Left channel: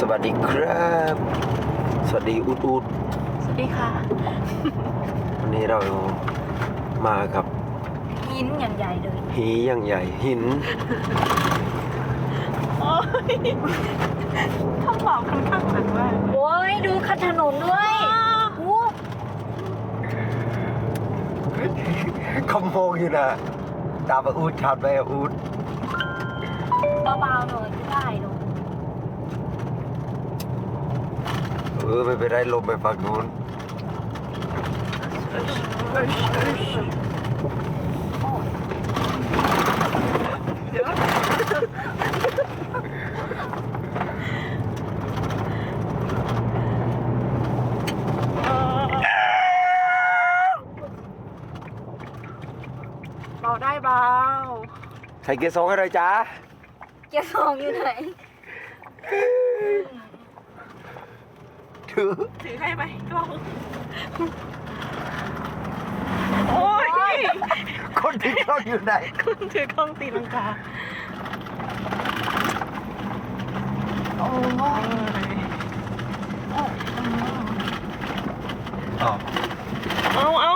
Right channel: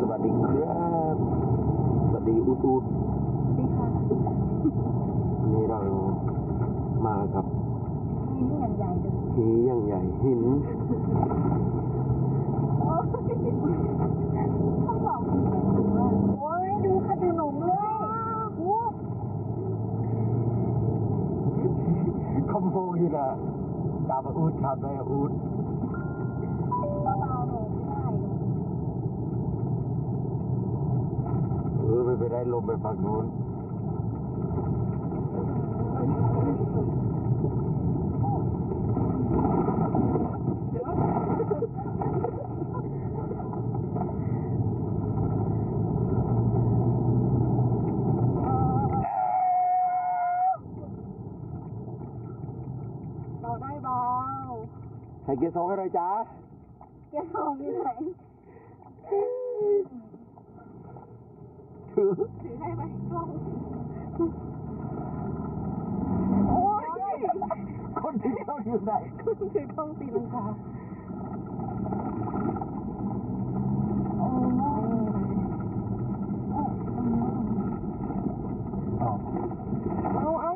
สวัสดีครับ สวัสดีอุดอุดสวัสดีค่ะ วันนี้เรามากับหินอย่างใหญ่เลย หีอย่างใหญ่หิน โอ้ยข้างหลังค่อนข้างหนักมากโอ้ยดูคันถนนด้วยโอ้เขามองอยู่นะ ตามมาอูดชัดไปอะอูดเบาๆหน่อยได้หนู เออไม่เป็นไรลมไปฝั่งนู้นเบาได้เบา ใส่เกียร์สองให้เลยจ้า เกียร์สองอยู่ไหน ถือ ถือให้ไหมกล้องโอ้ยคนที่กล้องอยู่ไหน คุณถือกล้องตีลังกาโอ้ยอ๋อเอาเอา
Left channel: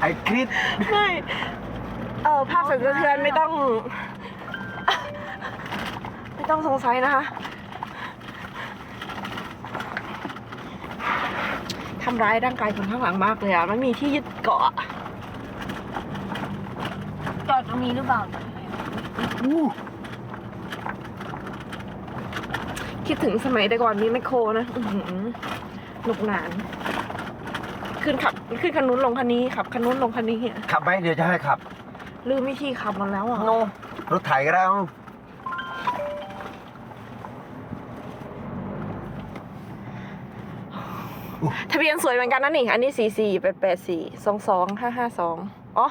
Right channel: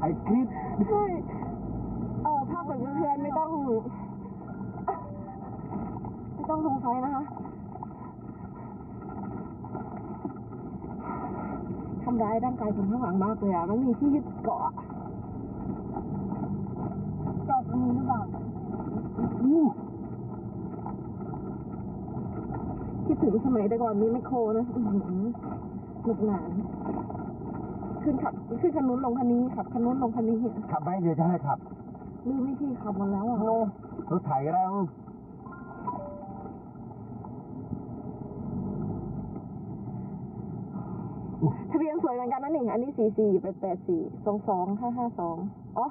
ไอ้คริสไม่เออภาพสั่นสะเทือนไม่ต้อง ไม่ต้องสงสัยนะคะ ทำร้ายร่างกายคนข้างหลังมากเลยอะไม่มีที่ยึดเกาะจอดตรงนี้หรือเปล่าอู้คิดถึงสมัยแต่ก่อนมีแมคโครนะอื้อหือหนุกหนาน ขึ้นขับ ขึ้นคันนู้นลงคันนี้ขับคันนู้นลงคันนี้อะขับไหมเดี๋ยวจะให้ขับ ลืมวิธีขับหมดแล้วอะโนรถไถก็ได้เอา ทะเบียนสวยเหมือนกันนะนี่ อันนี้สี่สี่แปดแปดสี่สองสองห้าห้าสองอ๋อ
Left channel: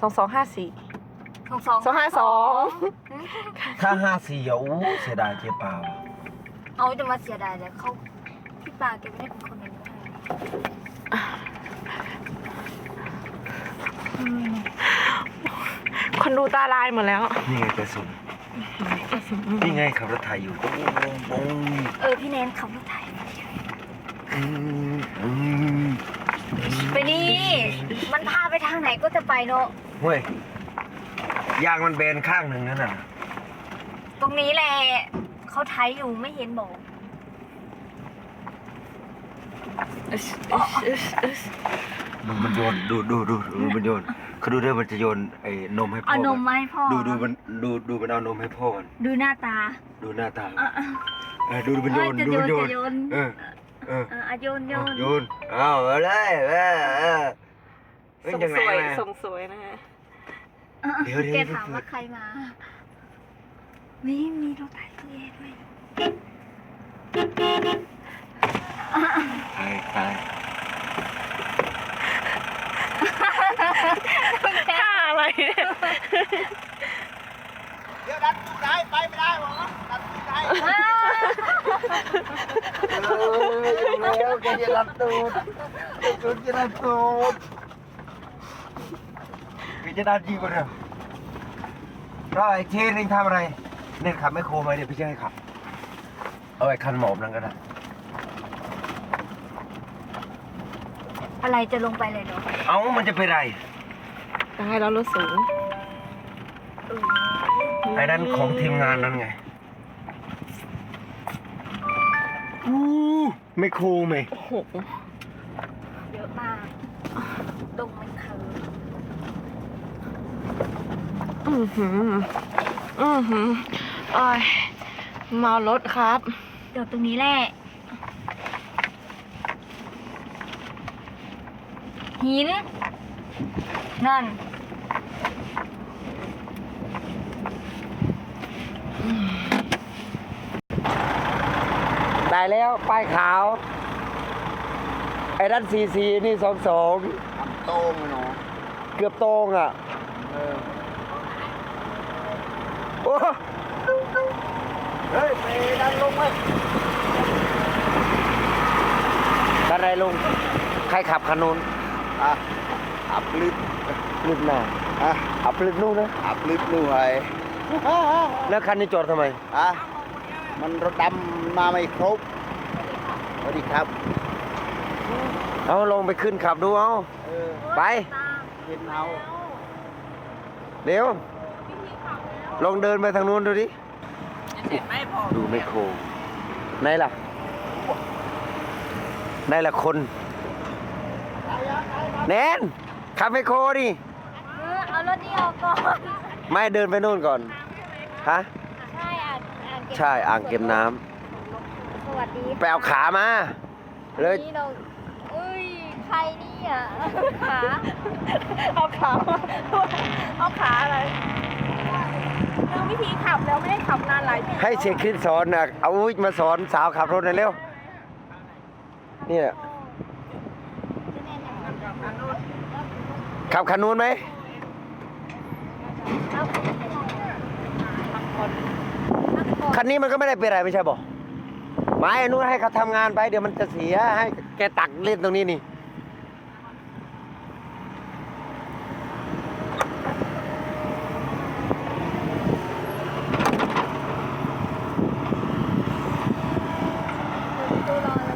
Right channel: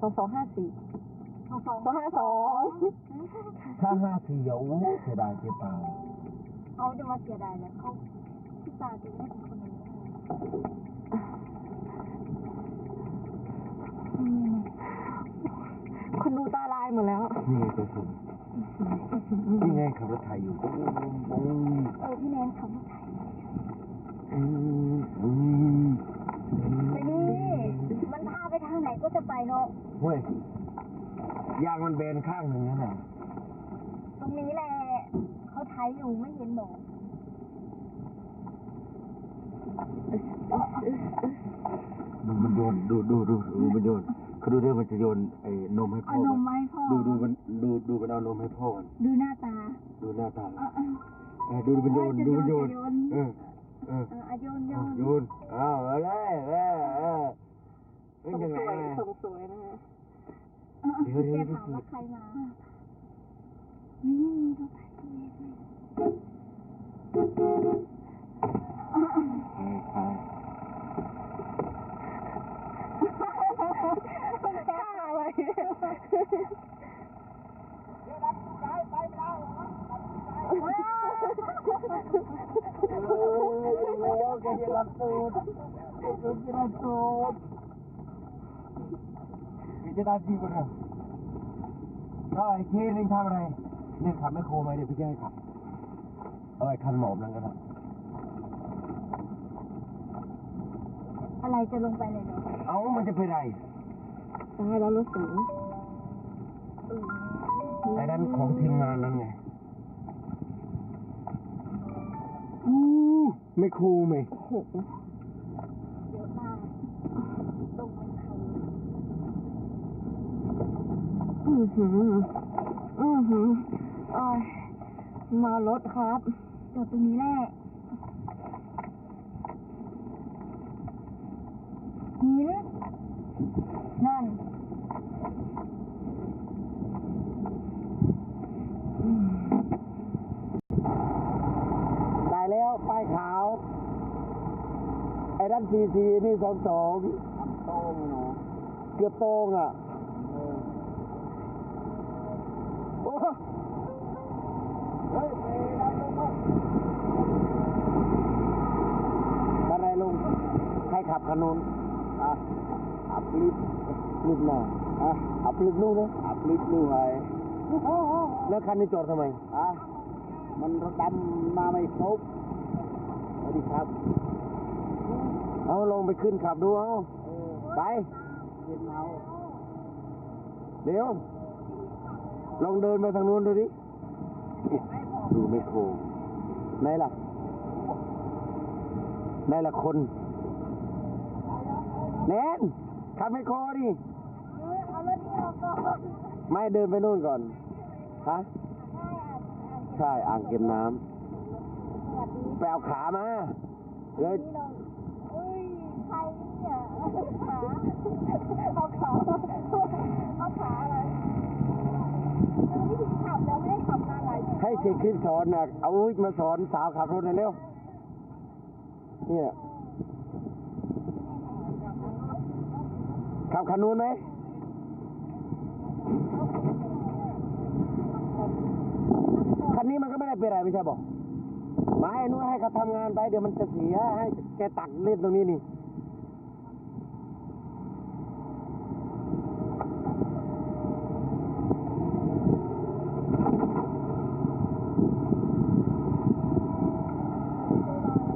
สองสองห้าสี่สองสองสองห้าสองถ้าห้าสี่อะอู้เสียดายเจ๊เปล่าเอาจะมาเสียดายเลยเขาพี่ปาแกไม่ได้เป็นคนนั้นให้คนดูตาลายหมดแล้ว นี่ไงกระสุนนี่ไงขับรถไถอยู่ปุ้งปุ้งปุ้งเออ พี่แนนขับรถไถอืมอืม ไปนี่มันพาไปทางไหนก็จะไปเนาะเฮ้ยยางมันเบนข้างหนึ่งนั่นน่ะตรงนี้แหละเขาไถอยู่ไม่เห็นบอกดูมันโยนดูดูดูดูมันโยนเขาดูด้วยมันจะโยนไอ้นมให้พ่อเอานมนมาให้พ่อดูดูมันดูดูมันเอานมให้พ่อมันดูหน้าตา ดูหน้าตาอะอะเออดูมันโยนเอ้ยจะดูมันโยนโยนเออ เอออะอะโยนโยเอานโยนเอาเอาเลยเออเออเฮ้ยส่งยังไงสวยมา ส่งสวยนะฮะอะเดี๋ยวเดี๋ยวแกถามว่าใครมามีมีรถไถตัวเองด้วย ตายตาย ค่าอะไรเนี่ย เออ แล้วแกจะรัดตูดจะรัดตูดแกจะรัดจริงกว่าเดิมแล้วไอ้เทนเองทำอะไร เน่นขับไม่โครมาเดี๋ยวพี่จะให้ขับ เอาไอ้คันหมอบนั่นก็ได้ อะไรจะลงไปเลยเหรอเอ้ามันจะเป็นไรยังไงเรารถสูงไอ้นั่นของทีมงานนั่นไง อู้ ไม่โครไหมโอ้โหเยอะมากตรงมันคืออือหือ อือหือโอ้ยเมารถครับ เดี๋ยวตรงนี้แหละหิน นั่น ได้แล้ว ป้ายขาว ไอ้นั่นซีซีนี่สองสองโต้งเนาะเกือบตรงอะเออโอ้เฮ้ยไปดันลงไปดันอะไรลง ใครขับคันนู้นอะอัพลิฟต์ลึกหน้าอะอับลึกนู่นนะอัพลิฟต์หน่วยอแล้วคันนี้จอดทำไมอะมันรถดำมาไม่ครบส วัสดีครับ เอาลงไปขึ้นขับดูเอา เออไป เห็นเอาเร็ว ลองเดินไปทางนู้นดูดิดูไมโครไหนล่ะไหนล่ะคน แนนขับไมโครดิ เออเอารถนี้ออกก่อน ไม่เดินไปนู่นก่อน ฮะ ใช่อ่างอ่างเก็บ ใช่ อ่างเก็บน้ำส วัสดีไปเอาขามา เลย นี่เราเอ้ยใครเนี่ยขาเอาขาเอาขาอะไรลืมวิธีขับแล้วไม่ได้ขับนานหลายปีให้เชคคริสสอนนะเอาอุ้ยมาสอนสาวขับรถหน่อยเร็ว เนี่ยขับคันนู้นไหมคันนี้มันก็ไม่ได้เป็นอะไรไม่ใช่บอก ไม้อันนู้นให้เขาทำงานไป เดี๋ยวมันจะเสียให้แกตักเล่นตรงนี้นี่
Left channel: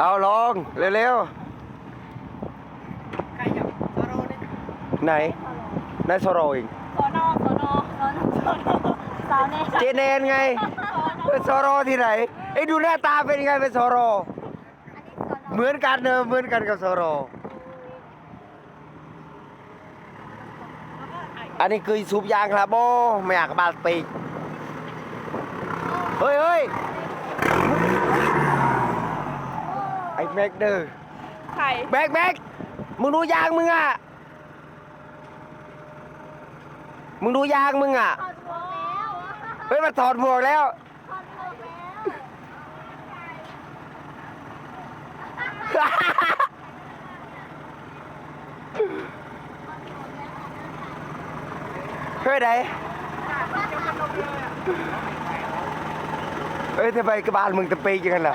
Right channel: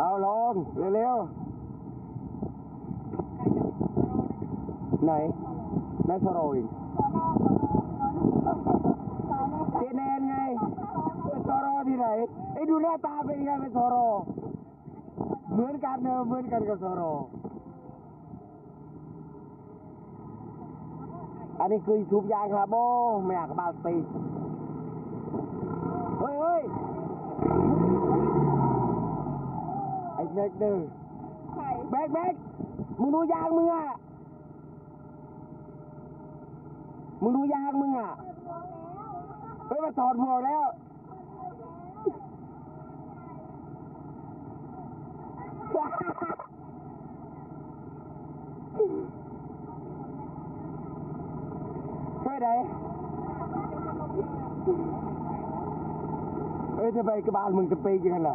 เอาลองเร็วๆไหนไหนายโซโรเองสอนอสอนอสอนสอนสาวแน่เจเนนไง เป็นโซโรที่ไหนไอ้ยดูหน้าตาเป็นไงเป็นโซโรเหมือนกันเนอะเหมือนกันกับโซโรอันนี้คือสูบยางครับโบไม่อยากบาดปีกเฮ้ยเฮ้ยไอ้แม็กเดอร์ใครแม็กแม็กมึงดูยางมึงอะมึงดูยางมึงอะถอดหมวกแล้วเฮ้ยมาถอดหมวกแล้ว ถอดหมวกแล้ว เฮ้ยไหนเฮ้ยทำไมกระบาลมึงตะปีจังกันล่ะ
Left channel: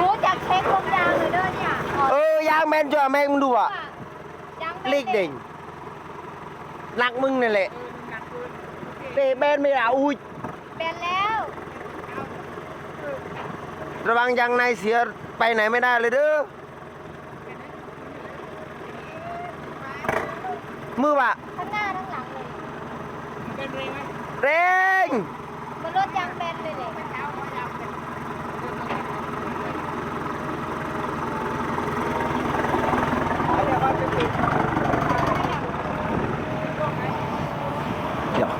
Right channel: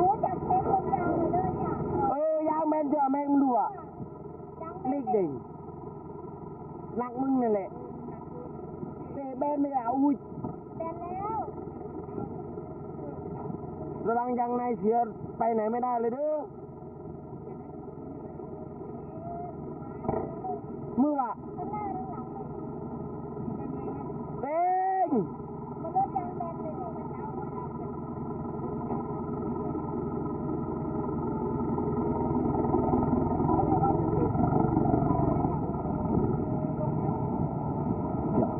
รู้จักเช็คลมยางเลยเด้อเนี่ยถอดเออยางแมนจ่อแมงมึงดูอะยางเล็กเด่งหนักมึงนั่นแหละ เตะแมนไม่ละอุ้ยเป็นแล้ว ระวังยางในเสียไปไหนไม่ได้เลยเด้อมือว่ะทั้งหน้าทั้งหลังเลยเร่งมันรถยางเป็นเลยเลย เดี๋ยว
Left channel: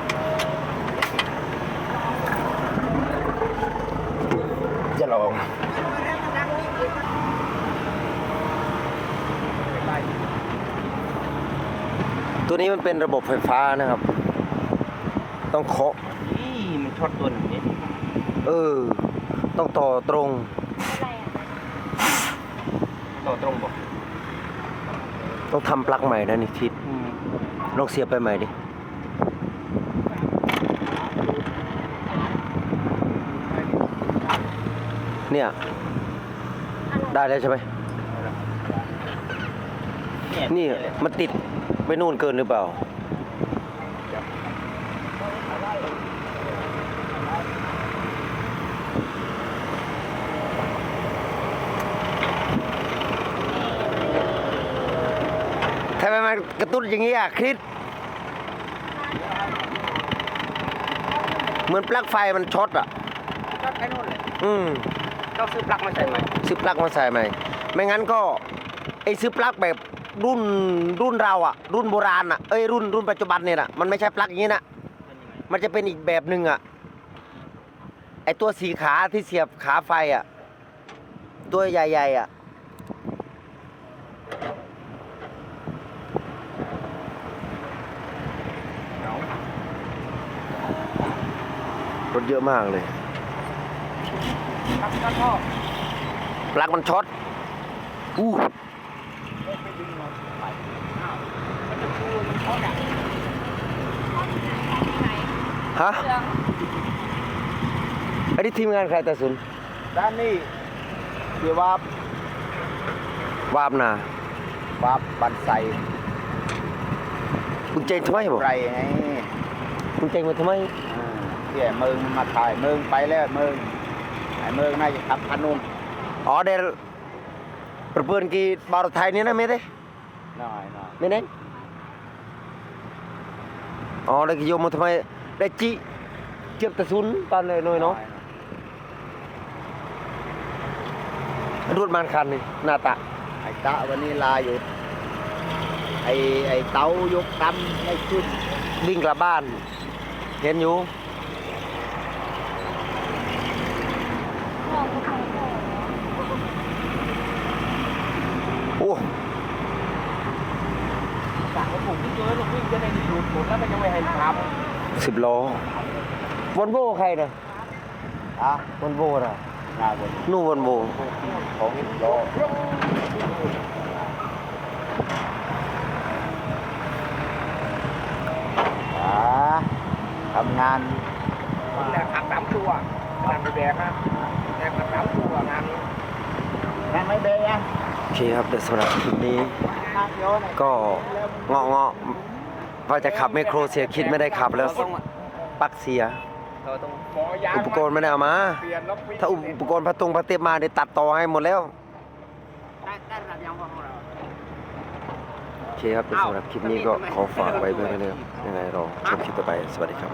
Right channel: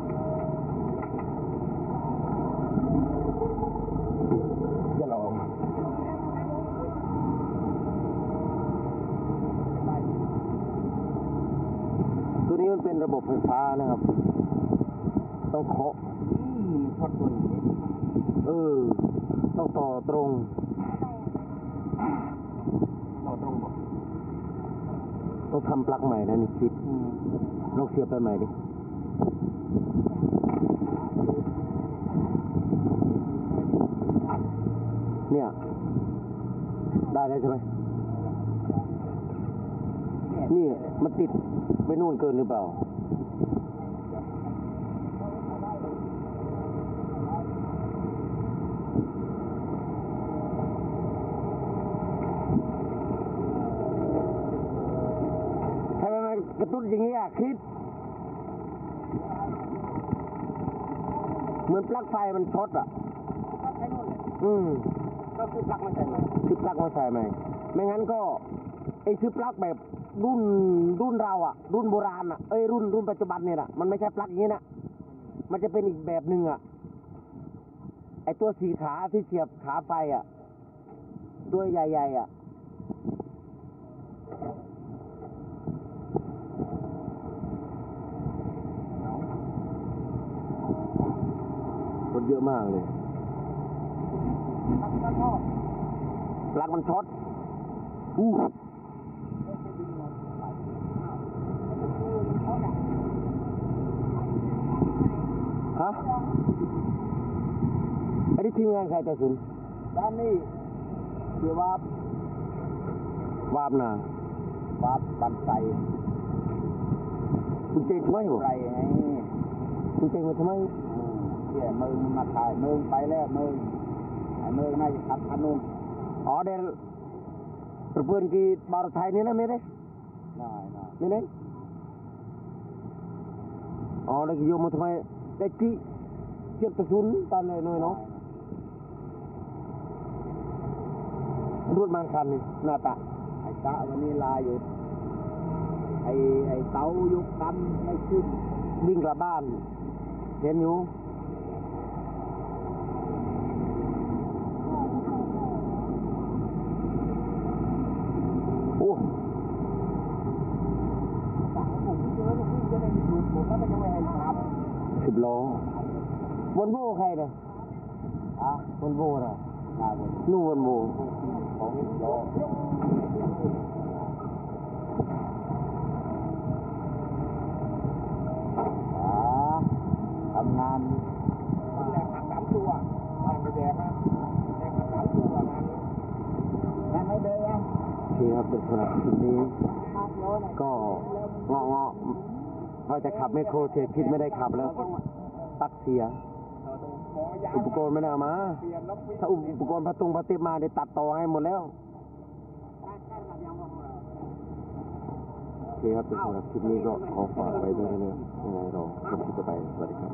จะลองตัว นี้มันเป็นระบบไฟฟ้านะครับ ต้องเคาะนี่มันช็อตตัวนี้ เออ ต้องต่อตรงอะไรอะต่อตรงบอกต้องทำปลั๊กใหม่นะนี่ทิศลองเสียบไปใหม่ดิเนี่ย ได้แล้วใช่ไหมนี่มันติด ไปนู่นเกินหรือเปล่า ทำไมมันกระตุ้นอย่างนี้อะคริสเหมือนปลั๊กไฟมันช็อตอะก็แค่นู้นเลยอืมต้องซื้อปลั๊กมาใส่ไหมซื้อปลั๊กมาใส่ใหม่ไม่งั้นก็ไอ้ซื้อปลั๊กแบบ รุ่นรุ่นเราอะรุ่นโบราณอะเอ้ยรุ่นรุ่นปัจจุบันเนี่ยนะมันไม่ใช่ปลั๊กอย่างนี้นะมันจะเป็นอีกแบบหนึ่งอะไอตัวสีขาที่เสียบขาไฟอะตัวใหญ่ๆอะรถเยอะมากเลยปลั๊กมันช็อตอู้ ฮะอันนี้ทีมงานใครแต่สุนด้านนี้เดี๋ยวว่าวาบนาวับบันไซคุณเจงทำไมบ่ไรไงคุณเจงมาทำไมอืมเที่ยเมืองมาถ่ายเมืองไปแล้วเมืองไอ้เมืองน่าจะขับคันนู้นอ๋อเดี๋ยวประเพื่อนกีบาร์ไทยนี่นะไม่ได้หน่อยหน่อยไม่ได้อ๋อได้กี่โยมมาทำไม ได้จิเจ็บแต่ซุนตอนเลยหน่อยเนาะรูดมันคันนี่หน้าตาไอ้ตะวันนี้ลาอยู่ไอ้ไอ้เต้ายกดำไม่ขึ้นวิ่งกลับบ้าน เห็นอยู่ มองก็ทางโอ้ โอ้ สั่งกระปุกที่เจอหลวิ่งจะได้ดูดหมดแล้วมันจะไม่ให้ท สิบล้อวอนโบใครนะอะวอนโบนะหน้าบนนู่นวอนโบของอีกโลอ่าทำงานำคนแรกขับสามตัวงานไปแบกนะแบกขับสามตัวงานนี้งานไม่เบยอะโอเคครับเดี๋ยวสำหรับคลิปนี้ ก็เงาะเงาะ ว่าจะขับไมโครเสียคิดไม่ได้ขับแล้วปลักเสีย เราต้องอุปกรณ์ไม่ได้เอามา ถ้าอุปกรณ์พัดตรงพัดเตียบมาเดี๋ยวตัดต่อให้หมดแล้ว ได้ได้ระดับยางพอเราโอเคครับสำหรับคลิปนี้ก็ขอฝากไว้เพื่อนๆนะครับยังไงรอชมคลิปต่อไป สวัสดีครับ